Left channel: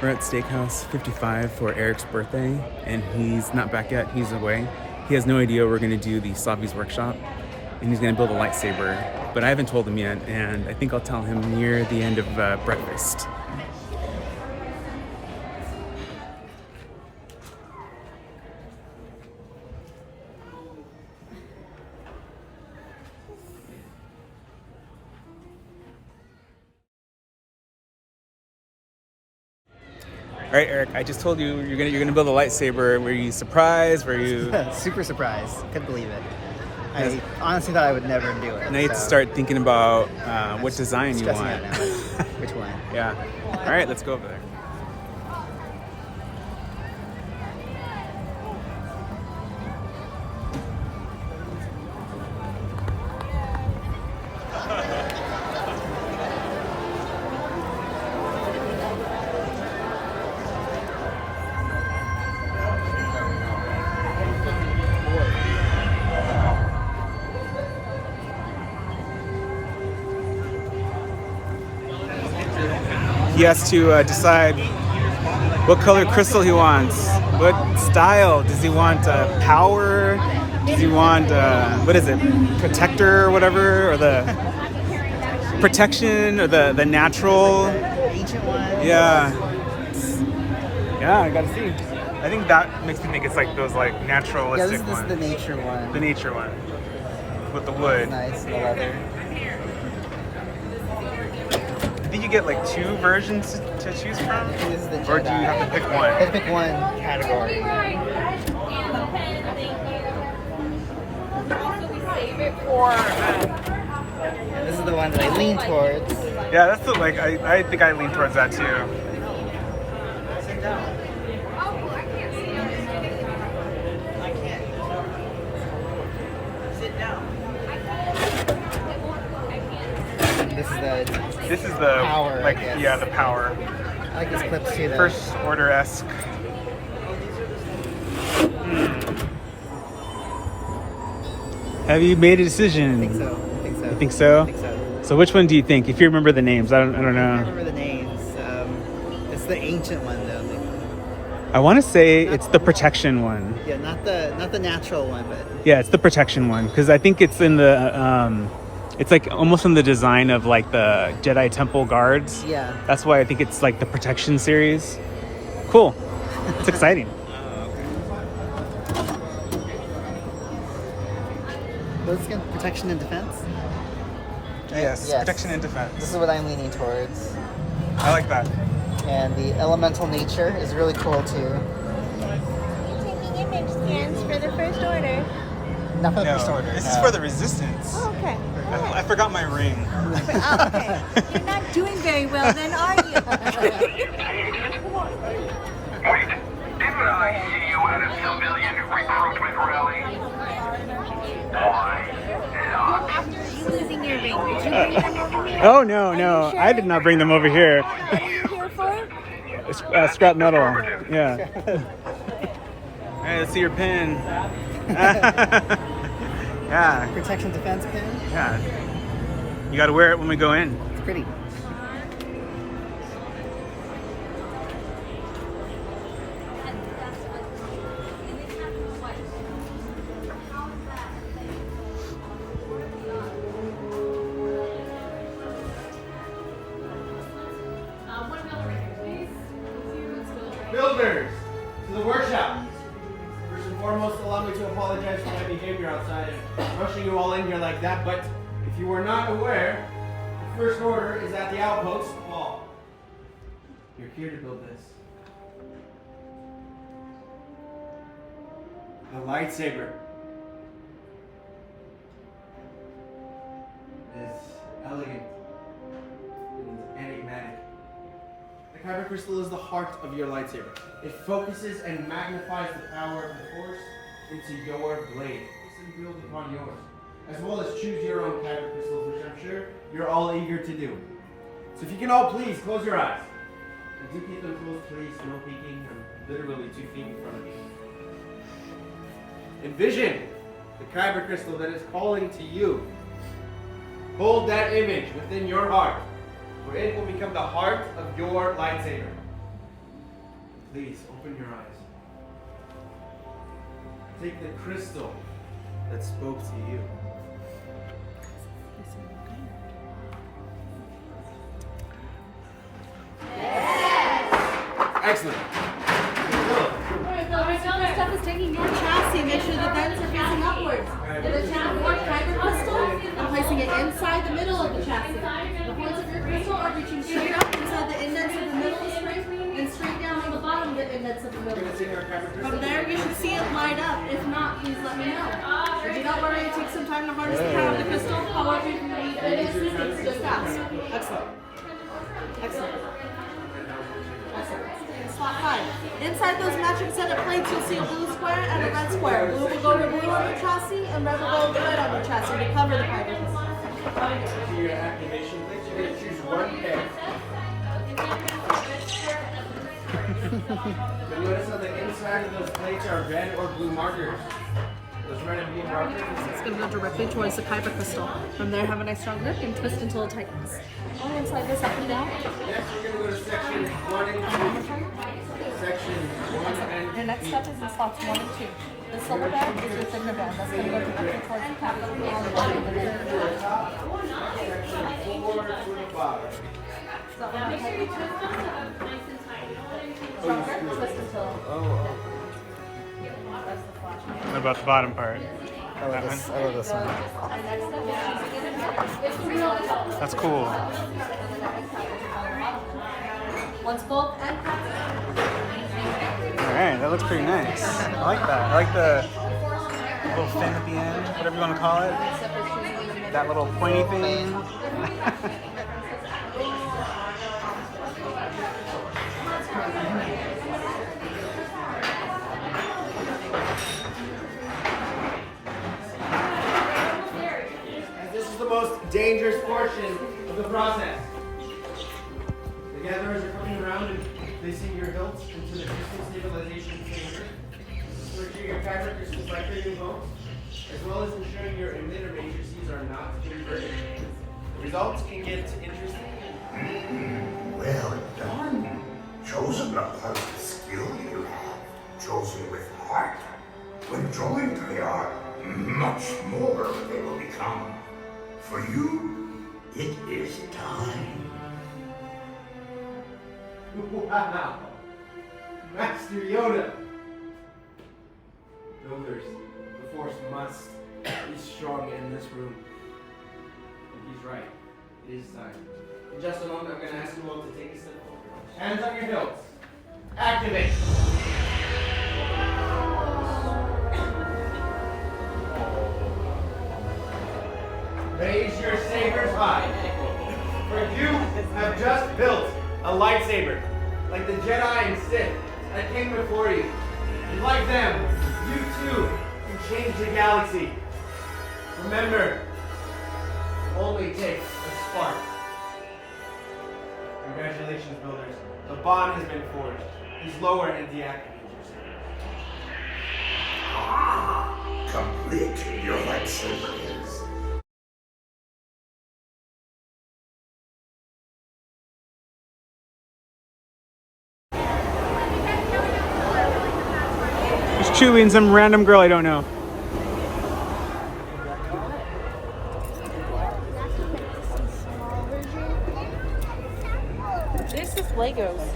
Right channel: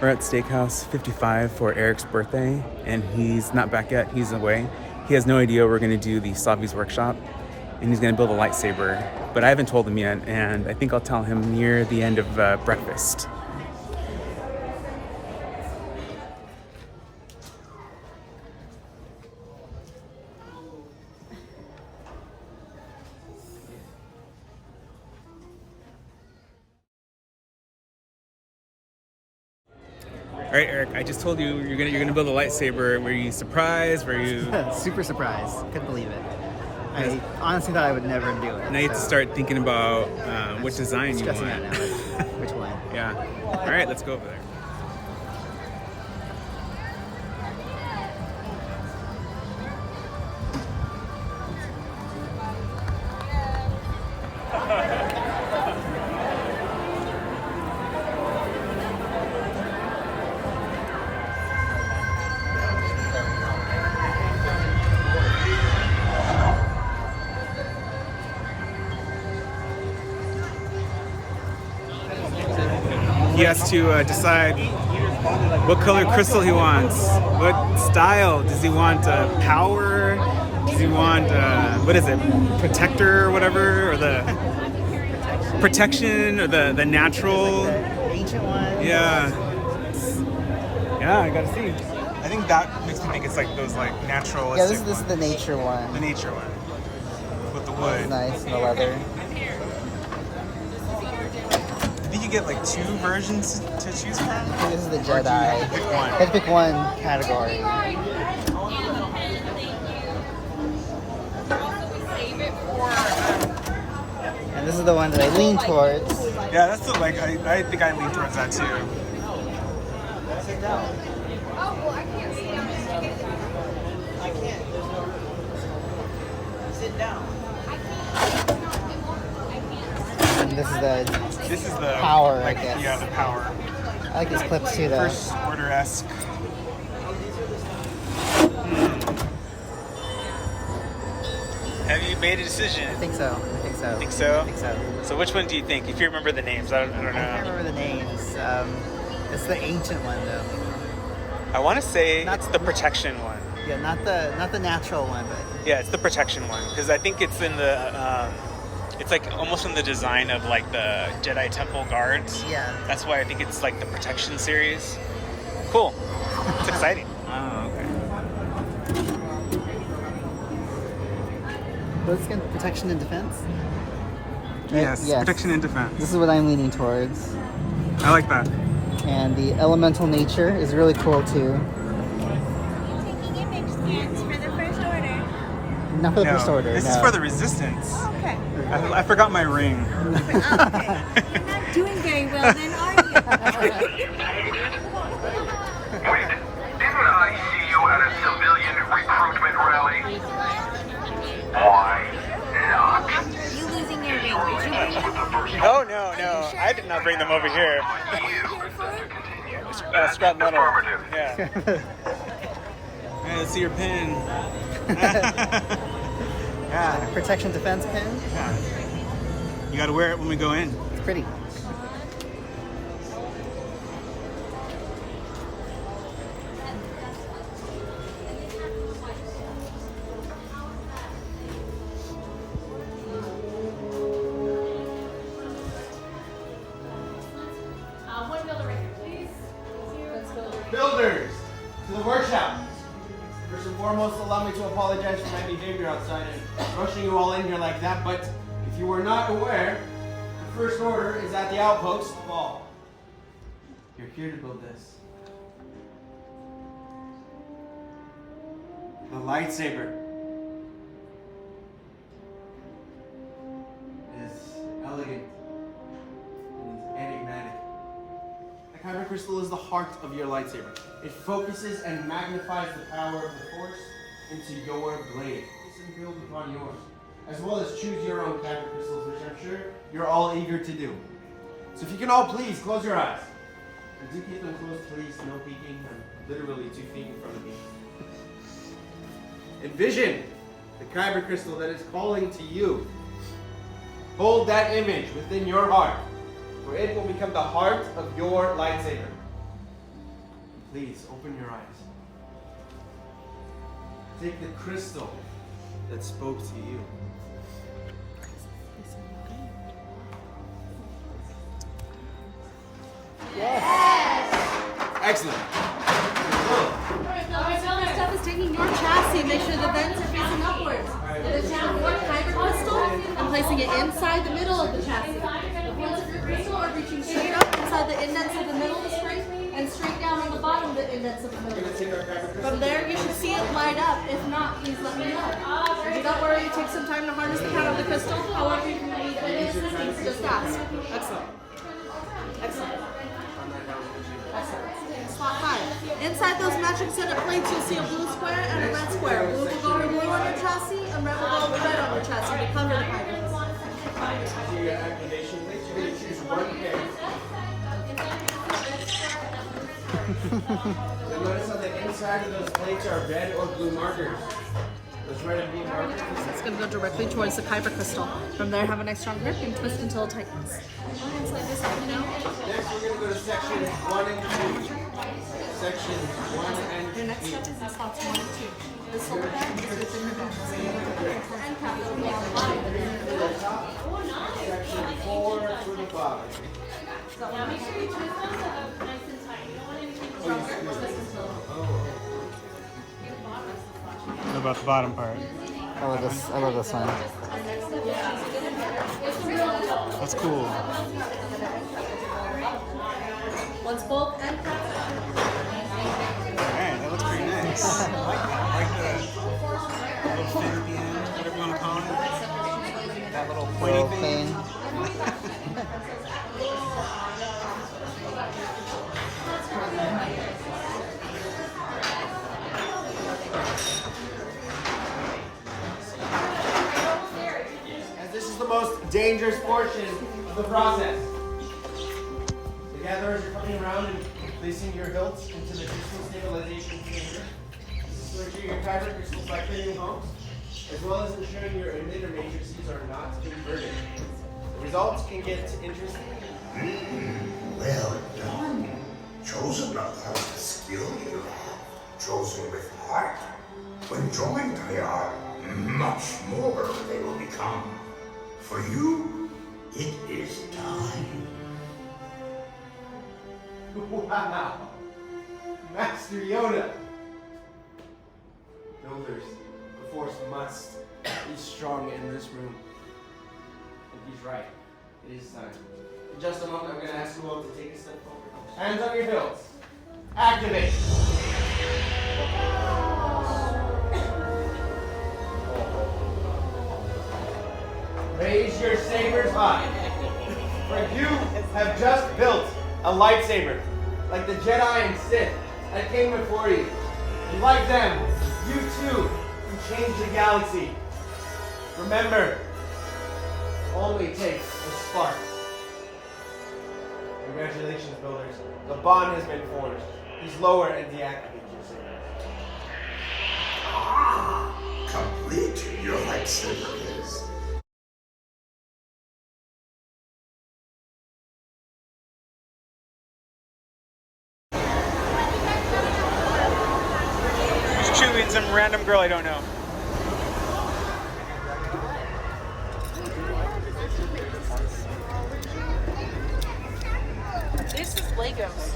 We're at Steakhouse 55 for Eric's birthday, and he's not back yet. He's away. He has no idea we're going to do the Savi's workshop, and he's going to build a lightsaber. But I haven't told him yet, and I think I'll tell him near the end of breakfast. All right, Eric, I just told you you're gonna build a lightsaber. Were you surprised? Were you Super surprised. Couldn't believe it. I honestly thought I would never do it. Now you have to start thinking about what design you stressing want. out now. Which one? Yeah. All right, let's go over there. He has to decide what color crystal he wants, what style. Does he want power? Does he want, what is it, protector or whatever? Or the protection or the natural? Ancient one? Yeah. Yeah, I gotta see. I think that makes me think it's like those like naturalistic this ones. is the nature one. The nature one. With the wood. Nice, the leather. I think you get like two versions to choose from? This is the Jedi. Or do you have to pick one? You have to pick one category. And this is the one that I lean towards. Yeah, that's the like I think I lean towards that too. This is the power, like I guess. yeah, the power. I like this clip too, though. First order-esque. Have you made a decision? I think so. You think so? I think so. So which one do you think? If you remember the names, I don't know. I can't remember the names. It's the ancient one though. I want to say it's the protection one. Yeah, not the natural one, but yeah, it's the protection one because I think it's in the it's like almost in the design of like the Jedi Temple guards. yeah. That's why I think it's like the protection series. Cool. It's exciting. Oh, okay. Those can protection and defense. Yes, protection and defense. This is what I'm leaning towards. I like that. And the elemental nature is really cool too. Taking image scans for the first order. Not for the first order. This is no. for the resistance. Okay. I forgot my ring. Okay. You're not doing very well then, are you? Wait, didn't I see you at a civilian recruitment rally? Why not? You losing your ring. Did you bring them over here? Oh no, sure? I did not bring them over here. What are you here for? Scrap metal. Affirmative. Yeah. Hey, let's see your pen. Yeah. Protection defense pin. Yeah. You got to wear it when we go in. It's pretty. Builders, to the workshop. First and foremost, allow me to apologize for my behavior outside and rushing you all in here like that, but if you were not aware, the first order is at the outpost. Paul, you're here to build this. A lightsaber. It is elegant. It is enigmatic. The kyber crystal is the heart of your lightsaber. It focuses and magnifies the power of the Force into your blade. And build upon yours, as well as choose your own kyber crystals, which I'm sure you're all eager to do. So if you can all please close your eyes. And do keep them closed, please. No peeking. I'm literally 2 feet in front of you. Envision the kyber crystal that is calling to you. Hold that image within your heart, where it will become the heart of your lightsaber. Please open your eyes. Take the crystal that spoke to you. Excellent. All this stuff is taking your chassis. Make sure the vents are facing upwards. Then taking more fiber crystal and placing it inside the middle of the chassis. The points of your crystal are reaching straight up inside the indents of the middle of the spring and straight down on the bottom of the indents of the middle. From there, you should see it light up. If not, please let me know. Do not worry, it takes some time to harness the power of the crystal. However, if you need any assistance, just ask. Excellent. Excellent. Excellent. Slot 5. Inside those matching set of plates, you'll see a blue square and a red square. Blue will go over blue on your chassis, and red will go over red on your chassis to cover the pipings. To your activation, make sure you choose one peg. You'll notice on the inside of those plates are red or blue markers. Those red and blue markers. It's going to go directly towards the kyber crystal. From there, have a nice strong grip and twist until it tightens. Go and slide this up and down. Next, we're going to go to section 1 and 2. Section 1 and 2. Your next step is in slots 1 and 2. The silver bag is your finger bag. That's going to go to the towards the cap. That'll be on the bottom of the top. Section 4 to the bottom. Make sure you twist it nice and tight. Twist until. What about the bottom part? I love this one. That's cool. Once both and Alright, that looks pretty nice. I like that. I like the little fin at the end, whatever you want to call it. That little pointy thing. This is the most dangerous portion of the process. The gatherers are coming around and placing your hilts into the crystal stabilization chamber. This is to ensure your kyber crystals are creating homes, as well as ensuring your emitter matrices are not inverted. The results can get interesting. Well done. Chosen upon the skill you have, chosen with heart. When joined, they are much more they will become. For you, it is time. Wow! Master Yoda! Builders, the Force must be strong in this room. And he's right. It is time. In just a moment, I'm going to ask you all to take a step forward. Hands on your hilts. Activate! Raise your sabers high. For you have just built a lightsaber, like the Jedi and Sith that came before you. And like them, you too can change the galaxy. Remember, it only takes a spark. Congratulations, builders. The bond has been forged. Please lower and deactivate your saber. Complete your lightsaber is. Chewie and some random girl I don't know. This is Legos.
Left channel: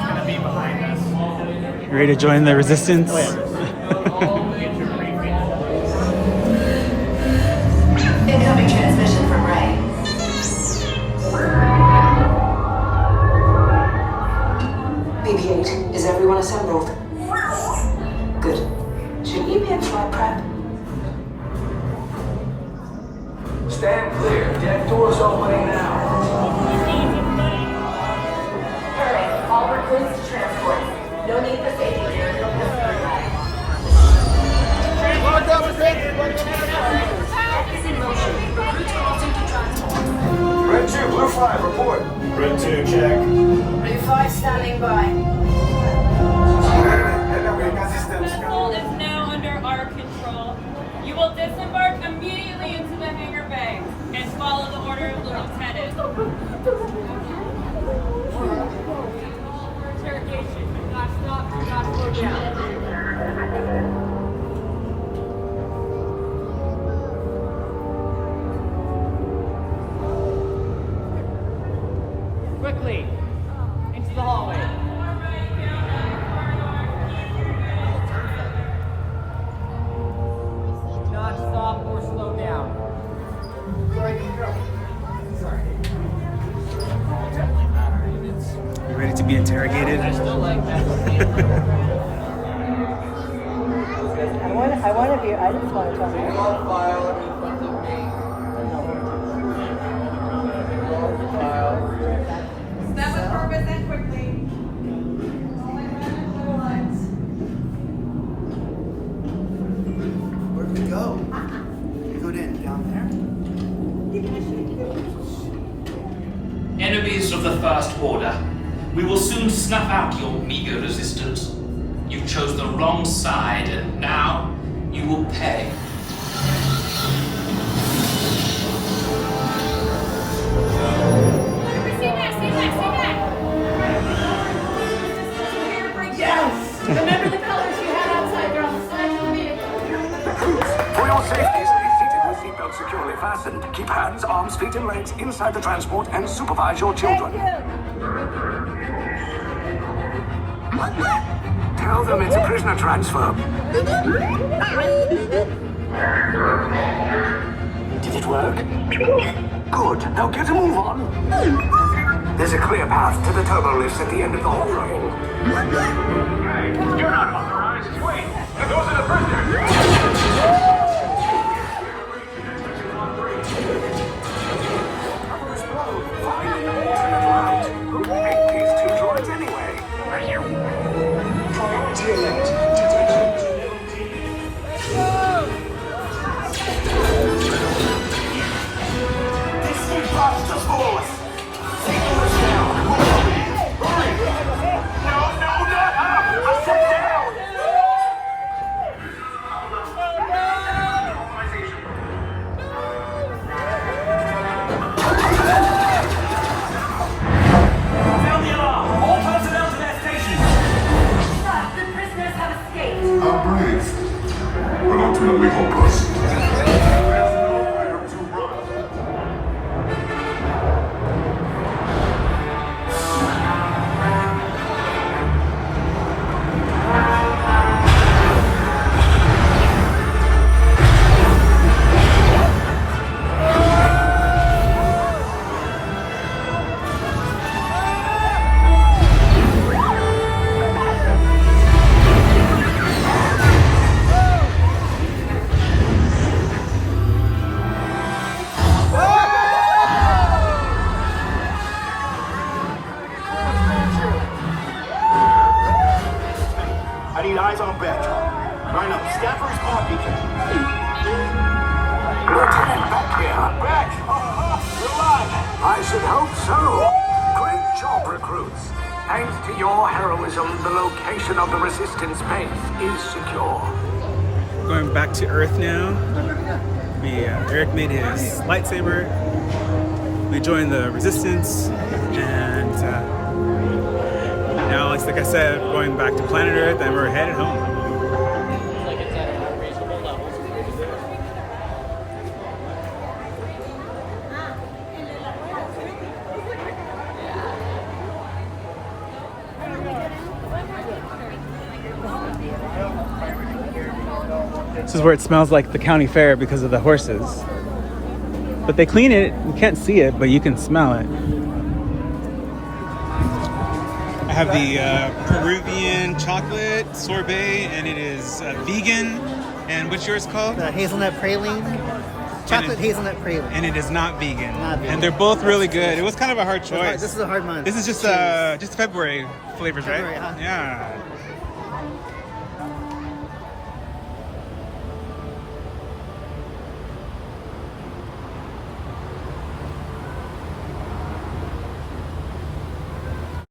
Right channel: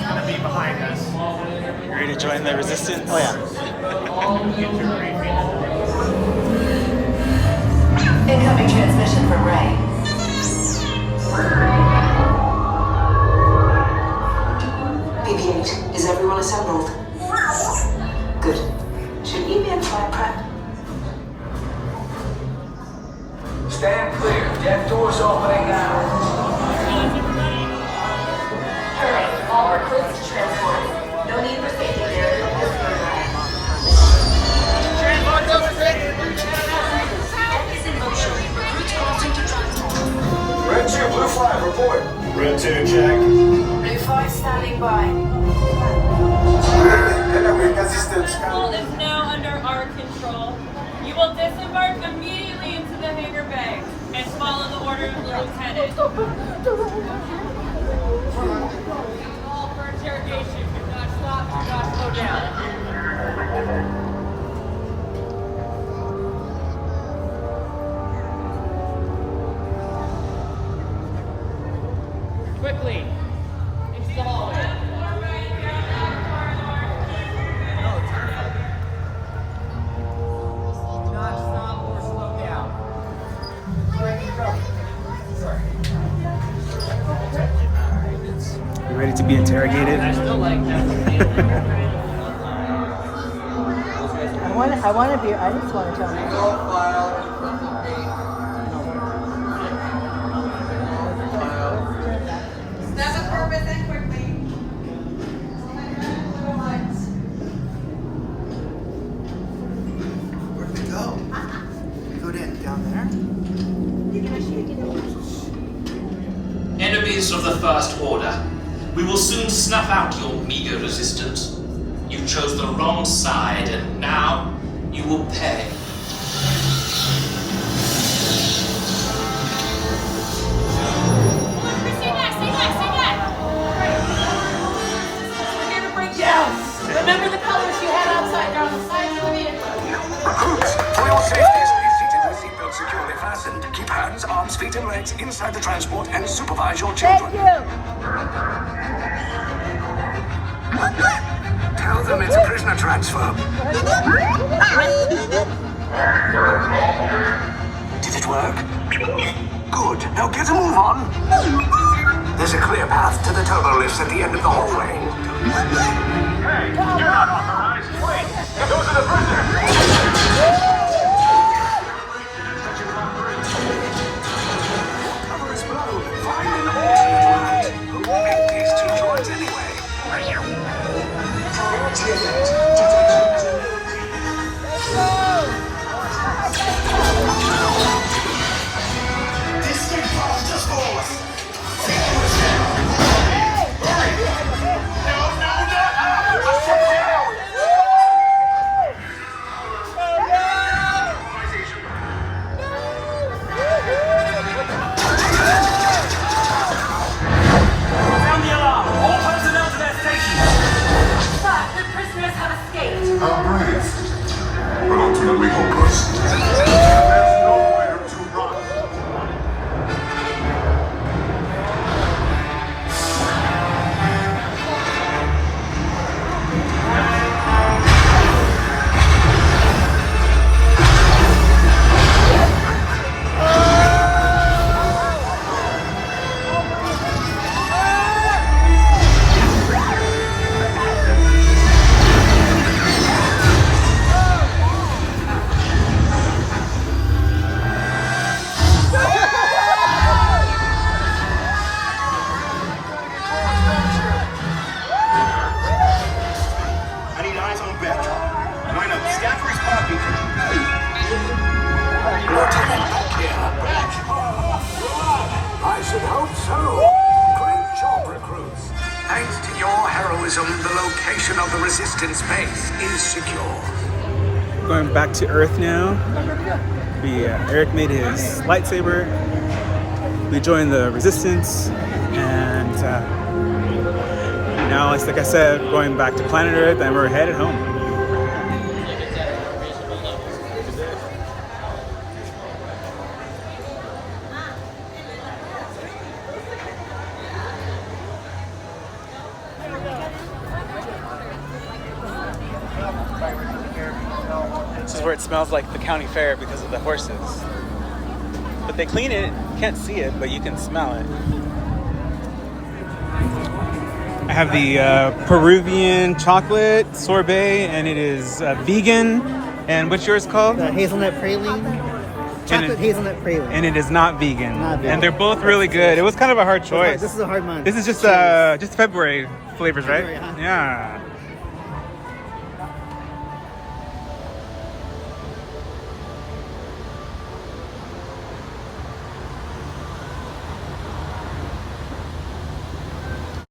Gonna be behind us. Ready to join the resistance? Oh yeah. Incoming transmission from Ray. BB-8, is everyone assembled? Good. Should you be in flight prep? Stand clear. Deck doors opening now. Hurry, all recruits to transport. No need for safety gear. Deck is in motion. Recruits crossing to transport. Red 2, Blue 5, report. Red 2, check. Blue 5 standing by. Vessel is now under our control. You will disembark immediately into the hangar bay and follow the order of the lieutenant. quickly into the hallway. You ready to be interrogated? I want to be. I just want to. Step up purpose and quickly. Where'd we go? Go down there. Enemies of the First Order, we will soon snuff out your meager resistance. You chose the wrong side, and now you will pay. Stay back, stay back, stay back. We're here to break down. Remember the colors you had outside. They're on the sides of the vehicle. Recruits, for your safety, stay seated with seatbelts securely fastened. Keep hands, arms, feet, and legs inside the transport and supervise your children. Tell them it's a prisoner transfer. Did it work? Good. Now get a move on. There's a clear path to the turbo lifts at the end of the hallway. Hey, you're not authorized. Wait, those are the prisoners. Cover is below. Find an alternate route. Who made these two droids anyway? Priority alert. This imposter's force! Take them down! Hurry! Hurry! No, not up! I said down! Sound the alarm! All personnel to their stations! Sir, the prisoners have escaped. I'm brave, but ultimately hopeless. There's nowhere to run. I need eyes on Beck. Line up. Scaffold's pocket. Lieutenant Beck here. Beck! You're alive! I should hope so. Great job, recruits. Thanks to your heroism, the location of the Resistance base is secure. Going back to Earth now. Eric made his lightsaber. We joined the Resistance, and now, like I said, going back to planet Earth, and we're headed home. This is where it smells like the county fair because of the horses. But they clean it, you can't see it, but you can smell it. I have the Peruvian chocolate sorbet, and it is vegan. And what's yours called? The hazelnut praline. Chocolate hazelnut praline. And it is not vegan. Not vegan. And they're both really good. It was kind of a hard choice. This is a hard month. This is just February flavors, right? February, huh? Yeah.